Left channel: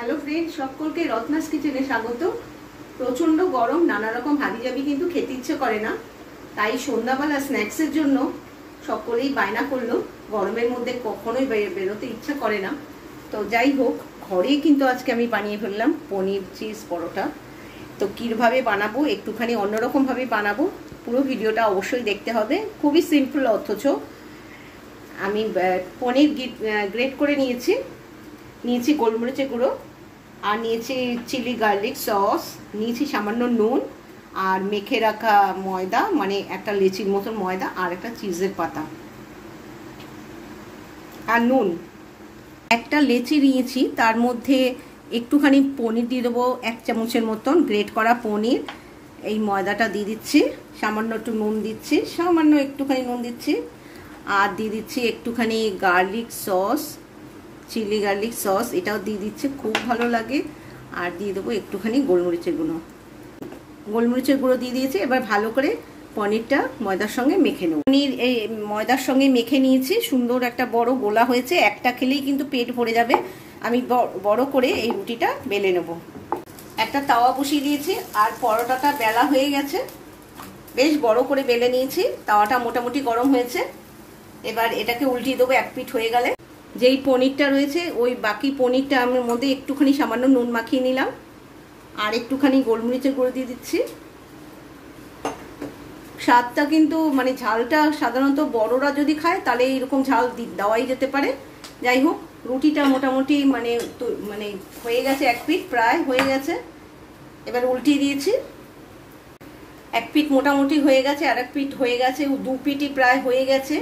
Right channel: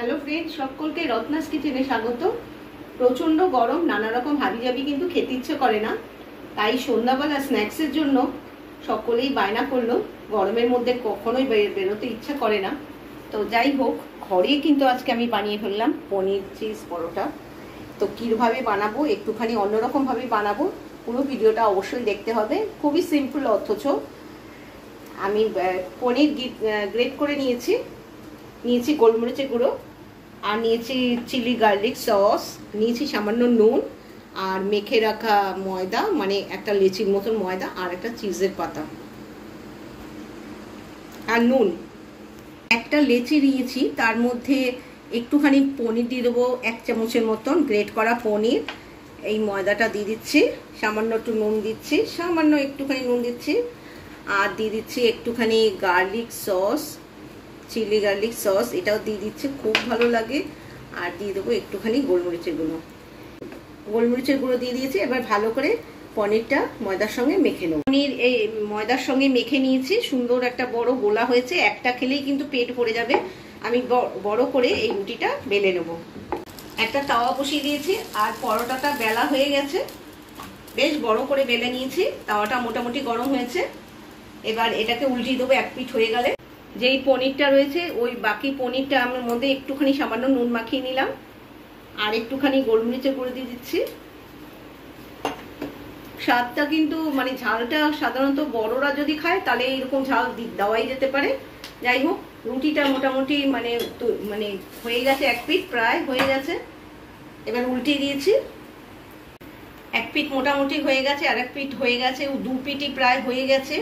Hello friends, সকলকে রত্নাস কিচেনে স্বাগত। প্রচন্ড গরম, নানা রকম হাবিজাবি কিন্তু খেতে ইচ্ছে করে না, তাই সন্ধ্যাবেলা স্ন্যাক্সের জন্য সকলেই বায়না করলো। গরমের মধ্যে কখনোই বেরোতে ইচ্ছা করে না, তো যাই হোক ঘরেই কিন্তু আজকে আমি বানিয়ে ফেললাম পনির চিজ পরোটা। তো কীভাবে বানাবো, একটুখানি অন্যরকম ভাবে বানাবো, পুরো ভিডিওটা অবশ্যই দেখতে হবে। খুবই সিম্পল, অথচ আমি পনির গ্রেট করে নিয়েছি গোলমরিচের গুঁড়ো, আর নিয়েছি চিলি গার্লিক সস, নিয়েছি সামান্য নুন, আর মেখে রাখা ময়দা, মানে একটা লেচির মতন ময়দা, আর একটা চিজের পাতা, আর নুন। একটা লেচি নিয়েছি, তার মধ্যে একটুখানি পনির দিয়ে দেবো, 1 চামচের মতন গ্রেট করা পনির। এই ময়দাটা দিয়ে দিচ্ছি, সামান্য একটু নুন দিচ্ছি, সামান্য একটুখানি নুন দিচ্ছি, আর দিয়ে দিচ্ছি একটুখানি garlic sauce, chilli garlic sauce, এটাও দিয়ে দিচ্ছে, খুব ভালো লাগে। আর দিয়ে দেবো একটুখানি গোলমরিচের গুঁড়ো দিয়ে দিয়েছি। এবার ভালো করে পনিরটা ময়দার সঙ্গে মেখে নেব। পনির এই ময়দার সঙ্গে মেখে নিয়েছি, সুন্দর একটা বড় গোলা হয়েছে, একটা খেলেই কিন্তু পেট ভরে যাবে। আমি বড় করে এই রুটিটা বেলে নেব। একটা তাওয়া বসিয়ে দিয়েছি, আর পরোটাটা বেলা হয়ে গেছে, বেশ বড় করে বেলে নিয়েছি। তাওয়াটা মোটামুটি গরম হয়েছে, এবার এটাকে উল্টিয়ে দেবো। এক পিঠ হয়ে গেলে যেই পনিরটা রয়েছে, ওই বাকি পনিরটা আমার মধ্যে একটুখানি সামান্য নুন মাখিয়ে নিলাম, আর একটুখানি গোলমরিচের গুঁড়ো দিয়ে দিচ্ছি। স্বাদটা কিন্তু মানে ঝালটা সাধারণত বড়রা যদি খায় তাহলে এরকম ঝাল দেওয়াই যেতে পারে। যাই হোক, রুটিটা মোটামুটি মানে হয়ে গেছে, এক পিঠ প্রায় হয়ে গেছে। এবার উল্টিয়ে দিয়েছি, এক পিঠ মোটামুটি হয়ে গেছে, আর এক পিঠ হয়ে গেছে, 2 পিঠই প্রায় হয়ে গেছে।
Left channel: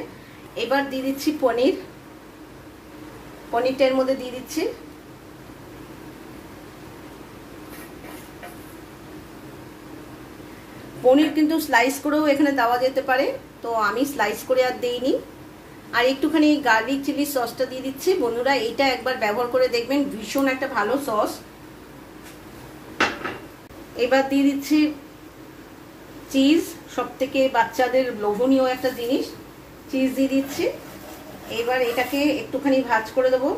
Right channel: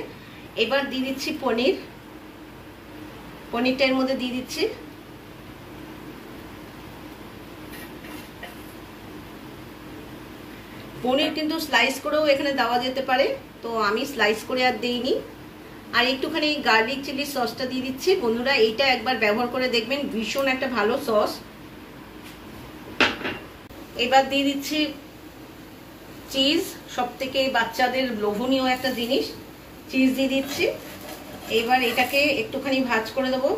এবার দিয়ে দিচ্ছি পনিরটা এর মধ্যে দিয়ে দিচ্ছি। পনির কিন্তু স্লাইস করেও এখানে দেওয়া যেতে পারে, তো আমি স্লাইস করে আর দিইনি। আর একটুখানি গার্লিক চিলি সসটা দিয়ে দিচ্ছি। বন্ধুরা, এইটা একবার ব্যবহার করে দেখবেন, ভীষণ একটা ভালো সস। এবার দিয়ে দিচ্ছি চিজ, সবথেকে বাচ্চাদের লোভনীয় একটা জিনিস, চিজ দিয়ে দিচ্ছি। এবার এটাকে একটুখানি ভাজ করে দেবো,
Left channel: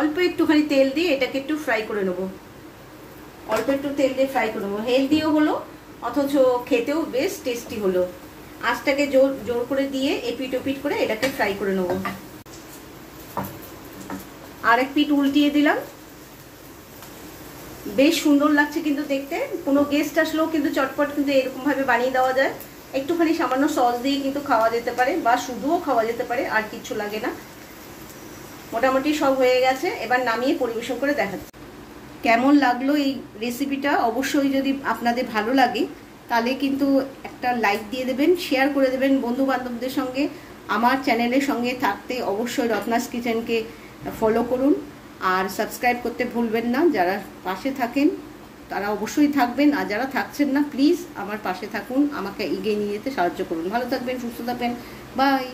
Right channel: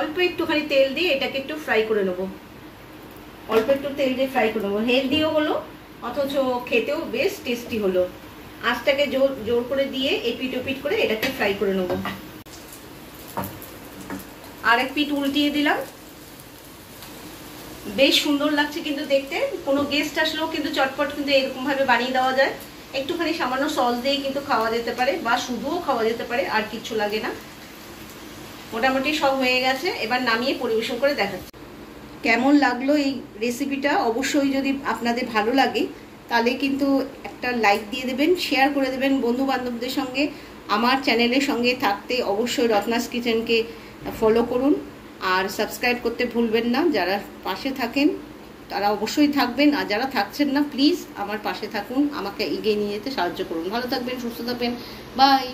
অল্প একটুখানি তেল দিয়ে এটাকে একটু ফ্রাই করে নেবো। অল্প একটু তেল দিয়ে ফ্রাই করে নেবো, হেলদিও হলো অথচ খেতেও বেশ টেস্টি হলো। আঁচটাকে জোর করে দিয়ে এপিট ওপিট করে এটাকে ফ্রাই করে নেবো। আরেক পিঠ উল্টিয়ে দিলাম, বেশ সুন্দর লাগছে কিন্তু দেখতে। কোনো গেস্ট আসলেও কিন্তু চটপট কিন্তু এরকম ভাবে বানিয়ে দেওয়া যায়। একটুখানি সামান্য সস দিয়ে কিন্তু খাওয়া যেতে পারে, বা শুধুও খাওয়া যেতে পারে, আর কিচ্ছু লাগে না। মোটামুটি সব হয়ে গেছে, এবার নামিয়ে পরিবেশন করে দেখাচ্ছি। কেমন লাগলো এই রেসিপিটা, অবশ্যই যদি আপনাদের ভালো লাগে তাহলে কিন্তু একটা লাইক দিয়ে দেবেন, শেয়ার করে দেবেন বন্ধু বান্ধবদের সঙ্গে। আমার চ্যানেলের সঙ্গে থাকতে অবশ্যই রত্নাস কিচেনকে ফলো করুন, আর সাবস্ক্রাইব করতে ভুলবেন না। যারা পাশে থাকেন তারা অবশ্যই থাকবেন, আর যারা থাকছেন না প্লিজ আমার পাশে থাকুন, আমাকে এগিয়ে নিয়ে যেতে সাহায্য করুন। ভালো থাকবেন, সুস্থ থাকবেন, বাই।